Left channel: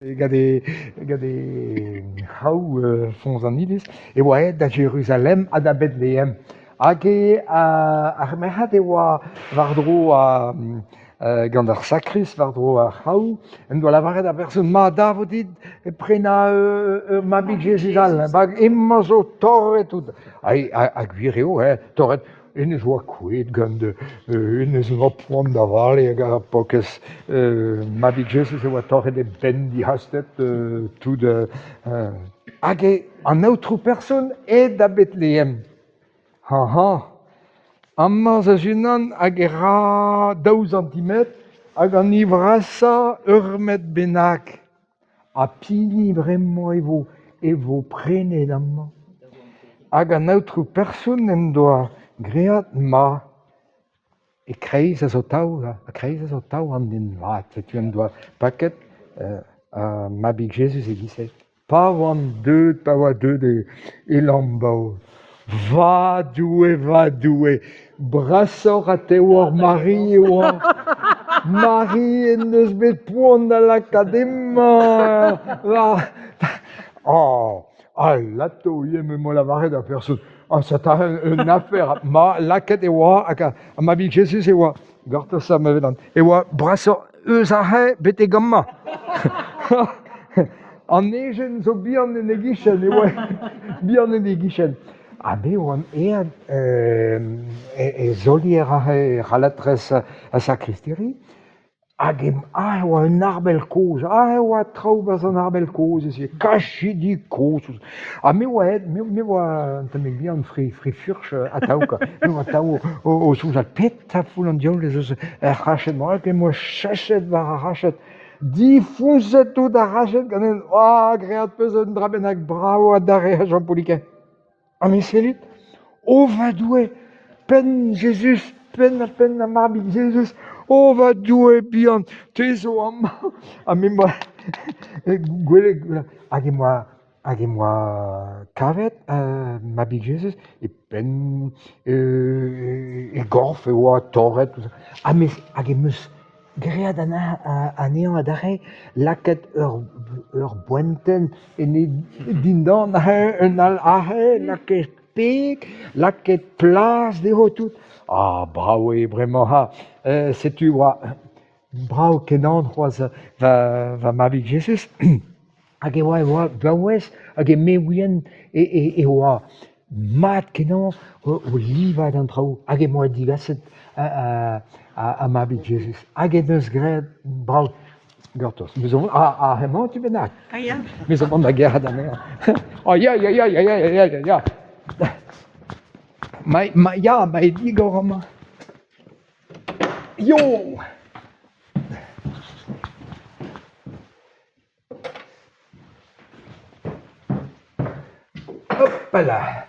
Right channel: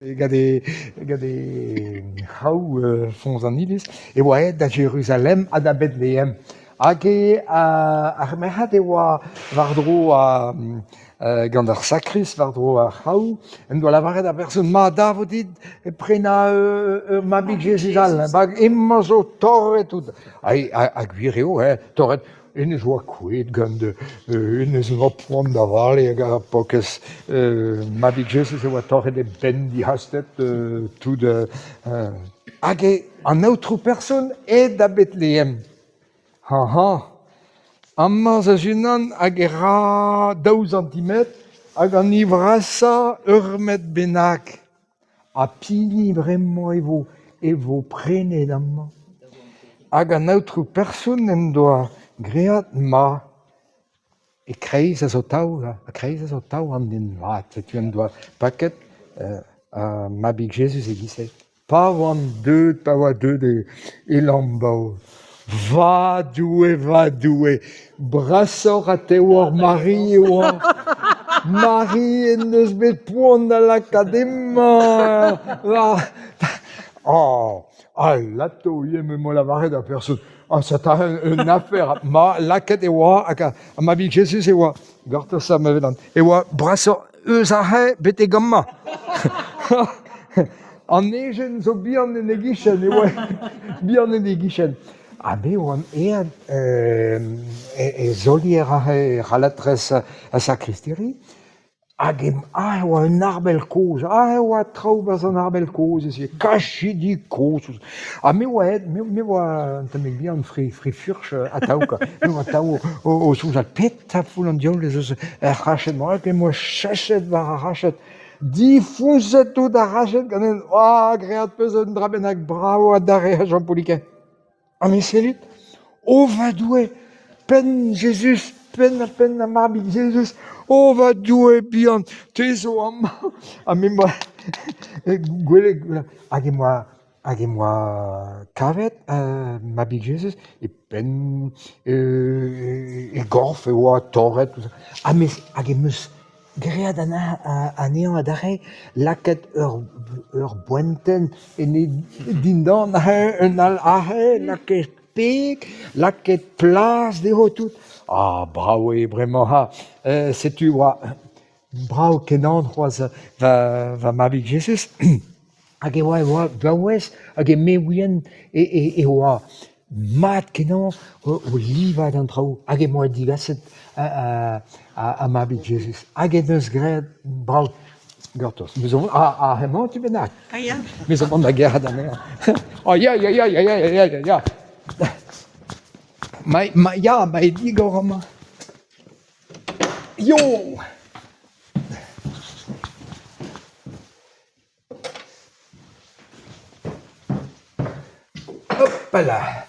Gade hau fonz an iliz, e oa da Jérusalem a da Bethlehem. Hag ar merc'had e oa war-dro gant ar sakris war-dro a hau, en doa lavaret a person ma da vo dit prena mabig Jesus al, bag emma zo torret tout. Hag vir eo, torret, en eus oa kouet gant en eus oa poan da vale hag a pokez mabig Jesus e oa torret e ben di hastet tout hag an aotrou person e da Bethlehem. Amma za junan hag e ra 2 centimet hag an ivrasa met bennak. A pini bremañ e vo prenet amma. Hag an aotrou person en doa great ma e kreiz a zo taou an den vat. Setu en doa paket a mabig Jesus e giset. Pa oan deud e lambao. Va doue, brasor a te oar Marie e oar. Marie en eus bet poan da l'akadema. Lato yem mo lavaret a person. Ça t'a une affaire. Ma laket e oa, a mabig Jesus e oa. Gorta sa me vedan. E oa brasor eus a he bet e gamma. An ejen zo bihan en egichen, e oa bihan en egichen. Be oan ean e zolier a he c'halatrez a sakristeri, hag e oa un arbel koz, e oa traoù an arbel koz, e kachidi koz. Me oa tamek bihan fri furch a taouka, me oa taou o souzal pet a foul an diaoul ez eus ar rachet, hag e oa chachet war ar rachet, difouzet tout ar rachet ganen, great peus un dra bennak bravo a dare a Jean Pauliket. Me selit, va doue, pen Jesus, pen a mabig Jesus, va doue bihan, te zo amma. Me moa, gwele, hag e moa kavet mabig Jesus, e pen, e gorf, e oa torret, hag e meus great anezhañ adarre, laket ur boenten, en e dindan un al ahe, laket peg, laket plas, deho tout. Bravo e bremañ ha. Setu oa bravo kenan c'hoaz va mabig Jesus. Hag e oa vaouez, hag e meouien e oa mat kenan o livad an traoù, hag e moa digaset a mabig Jesus. Hag e deus graet bravo gortos. Hemañ tu bennak? Ya. Mes amant da gerad an eo. Ya. Ma e digor ama. Yo! Hoppala!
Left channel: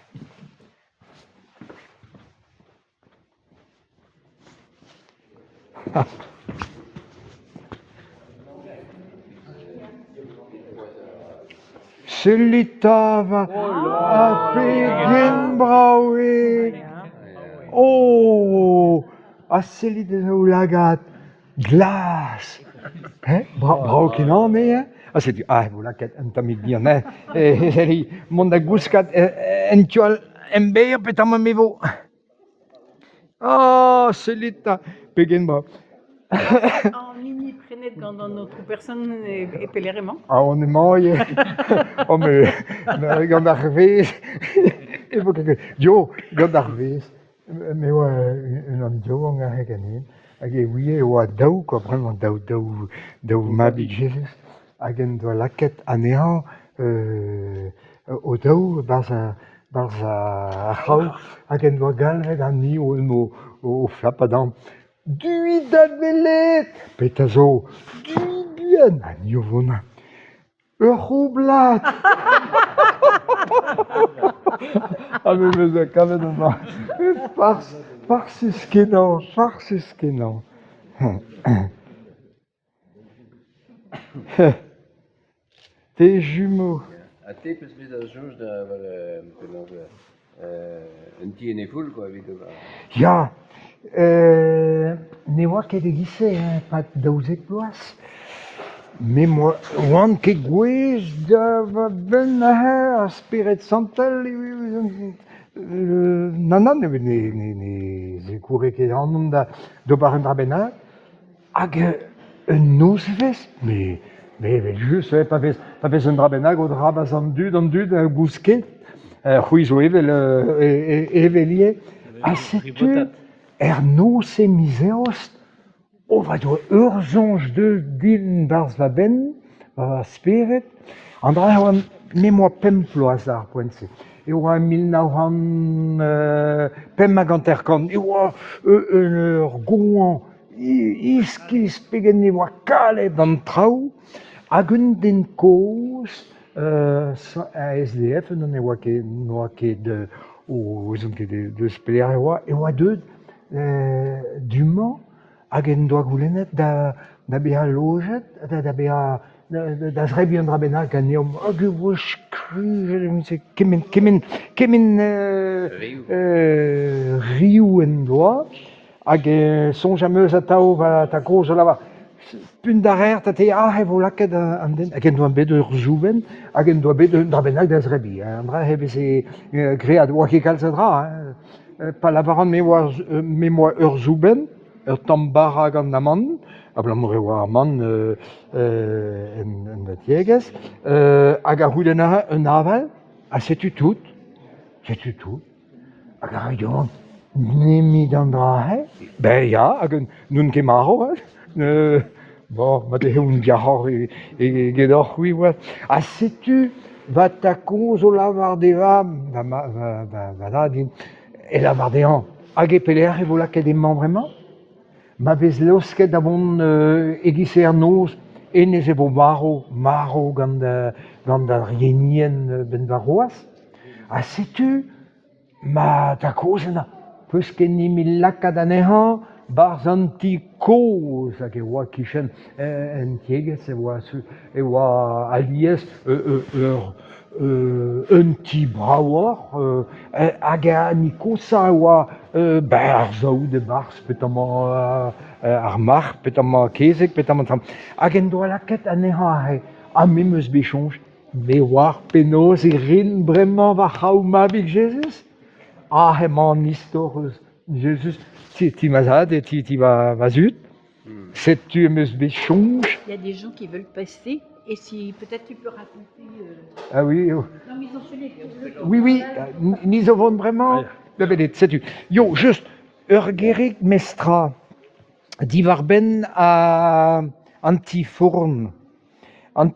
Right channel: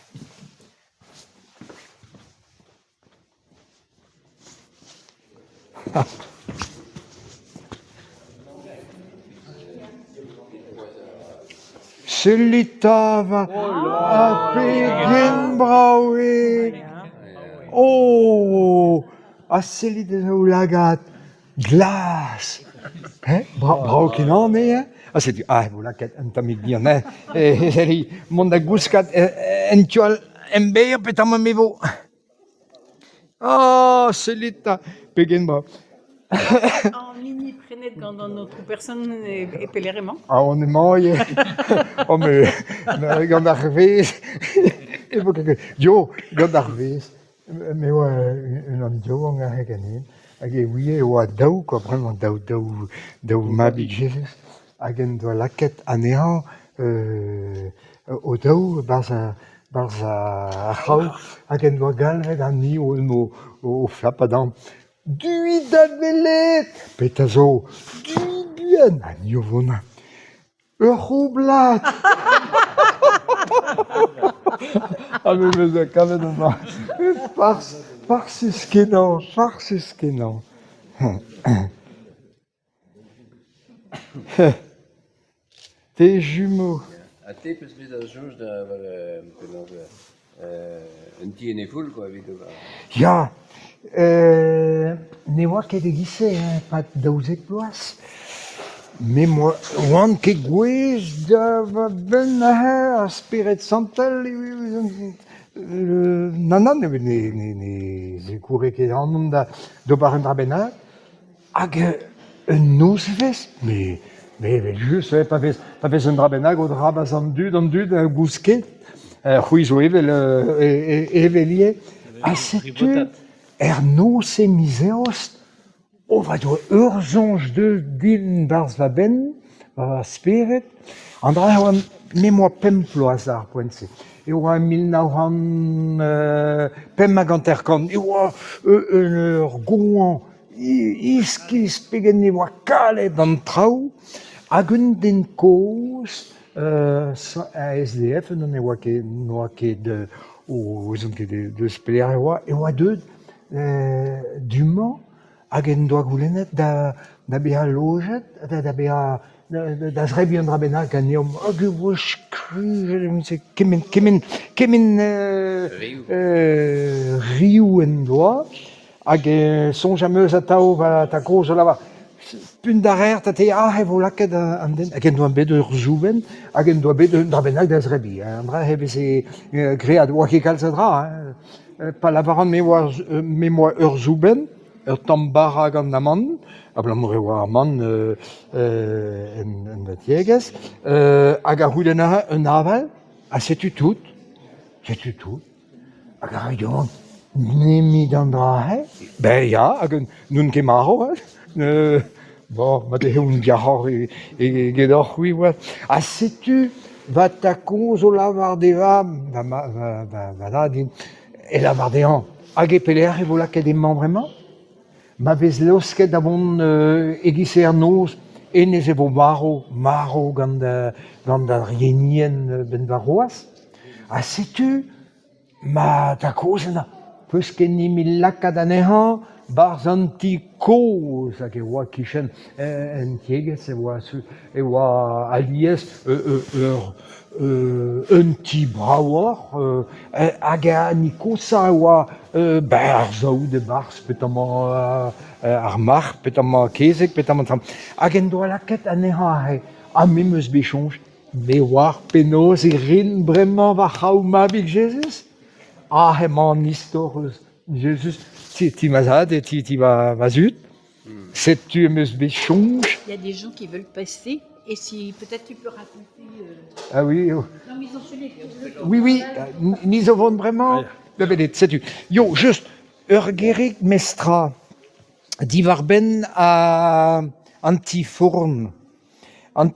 Selitava a pegen braoe. A selit o lagat glas. Brao kenan setu, vo laket un tamik bihan, mont da gouskat en tual en ber pet am me vo. Selita, pegen brao. Mini prenet gant an autre person e peleremañ. On emañ, me gant ar vez, gant ar vez, me oa un diouan a ganin, hag e ouie oa daou, vraiment daou mabig Jesus, hag en doa laket anezhañ o daou barz a c'haoù, hag en doa galvet an ni o flapadan. Duit da velet, pet a zo, duit bihan, a ni o vona. Ur c'houblat. Me eus a kavet an ma. Farsus kenan. Te jumeaux. A te peus bet a joj da un ti en e foul, quoi, evit o. Ya, ne oa ket e gise, pat daouzek bloaz. mais moi, one que gwez da va ben a Spirit Santal, nanan, ne koure ket an da bar un drabenag, hag un nouzvez, mais just, pa vez un drabenag o drabaz an dud gousket, c'houizo evelie, a setu noz e mizeost, o va do urzonj de din barz va ben, va Spirit, an dra oa memoa pemplo a zar poent-se. E oa 1950 e oa ur gouan iskis pegen e oa kalet an traoù, hag un den koz a SDF, non e oa ket o zon ket deus pelec'h e oa deuet du-mañ, hag en doa goulennet da beha lojet, da beha da zrebi un drabennak an eom, hag e oa skri, kemen rioù en doa, hag sonj am eus atav va ta koz o lava, punt d'ar ta te e vo laket an den, hag en doa bet ur zouben, hag en doa bet un drabennak da zrebi, an dra hebez e great, oa ket kalz a dra, pa lavaran memoa ur zouben, ur tamm bara gant amant, a blamour e oa amant en da tiegez, hag a c'houlenn un aval, a setu tout, hag a raidon, nemit an dra ben ya, hag nun ket marv, bon, ma de un diarc'h e gedor c'hwi, a setu va ta koz o lavar deva, va da din, e lavar dehan, hag e pelec'h e vo laket emman bremañ, ma vez laousket da vont egize ar noz, enez e vo maro gant da rienien ben da roaz, a setu, ma ta koz ena, peus ket nimi lakaat anezhañ, barz an ti koz, hag e oa kichen en tiegez, e oa aliez un ti braouar, hag a nikosa e oa ar zaout e barz petamañ ar mar, petamañ kezeg, petamañ tram. Hag en doa laket anezhañ a me eus bechonj, me war penaos e rin bremañ va c'haou mabig Jesus, emañ an istor Jesus, ti mazad et ti va zut, setu em eus bechonj. Il y a des gens qui veulent passer, et si peut-être tu peux raconter. Ah oui, Non, mais ils ont celui. oui, mis au vent bremañ, da bedet, setu. Yo, just, ur gerig mestra, divar ben a an ti fourn,